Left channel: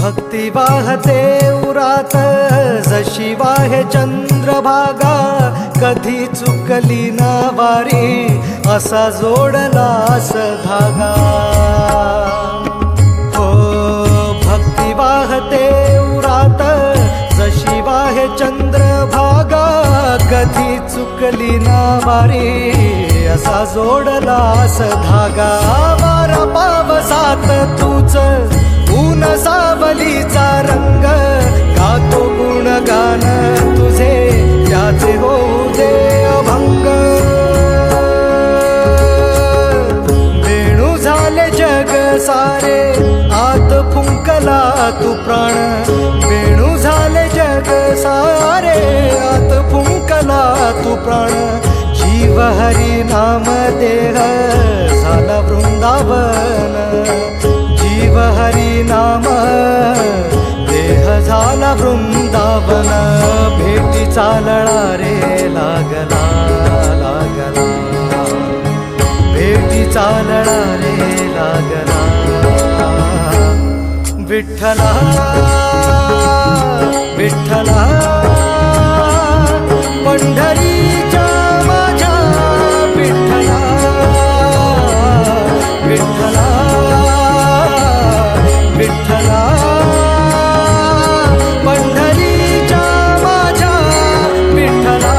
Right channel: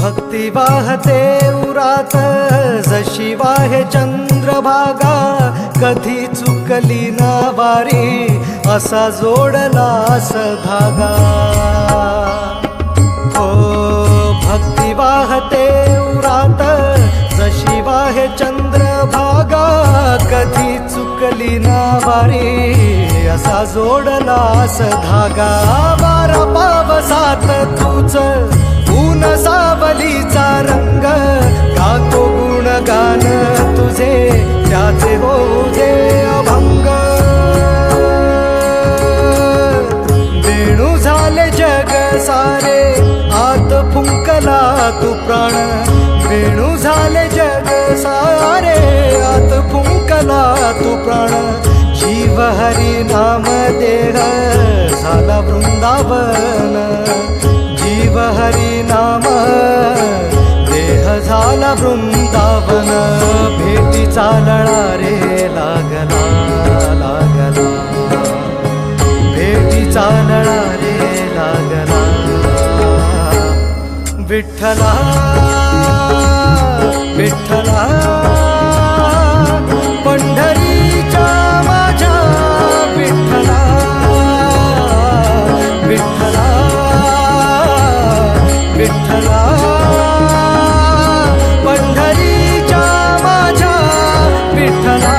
भक्ती वाहते उरात जशी वाहे चंद्रभागा, कधी चुकली ना वारी असा जोडलास धागा। हो भक्ती वाहते उरात जशी वाहे चंद्रभागा, कधी चुकली ना वारी असा जोडलास धागा। वारा पावसात तूच ऊन सावलीचा रंग, गातो गुणगान तुझे त्याचे होऊ दे अभंग। वेणू झाले जग सारे आत फुंकला तू प्राण, वेणू झाले जग सारे आत फुंकला तू प्राण। जीव हरी नाम देह झाला वृंदावन, जीव हरी नाम देह झाला वृंदावन। भेटीचा लळा रे लागला लागला, भेटीचा लळा रे लागला। विठ्ठला विठ्ठला पंढरीच्या माझ्या विठ्ठला, विठ्ठला विठ्ठला पंढरीच्या माझ्या विठ्ठला।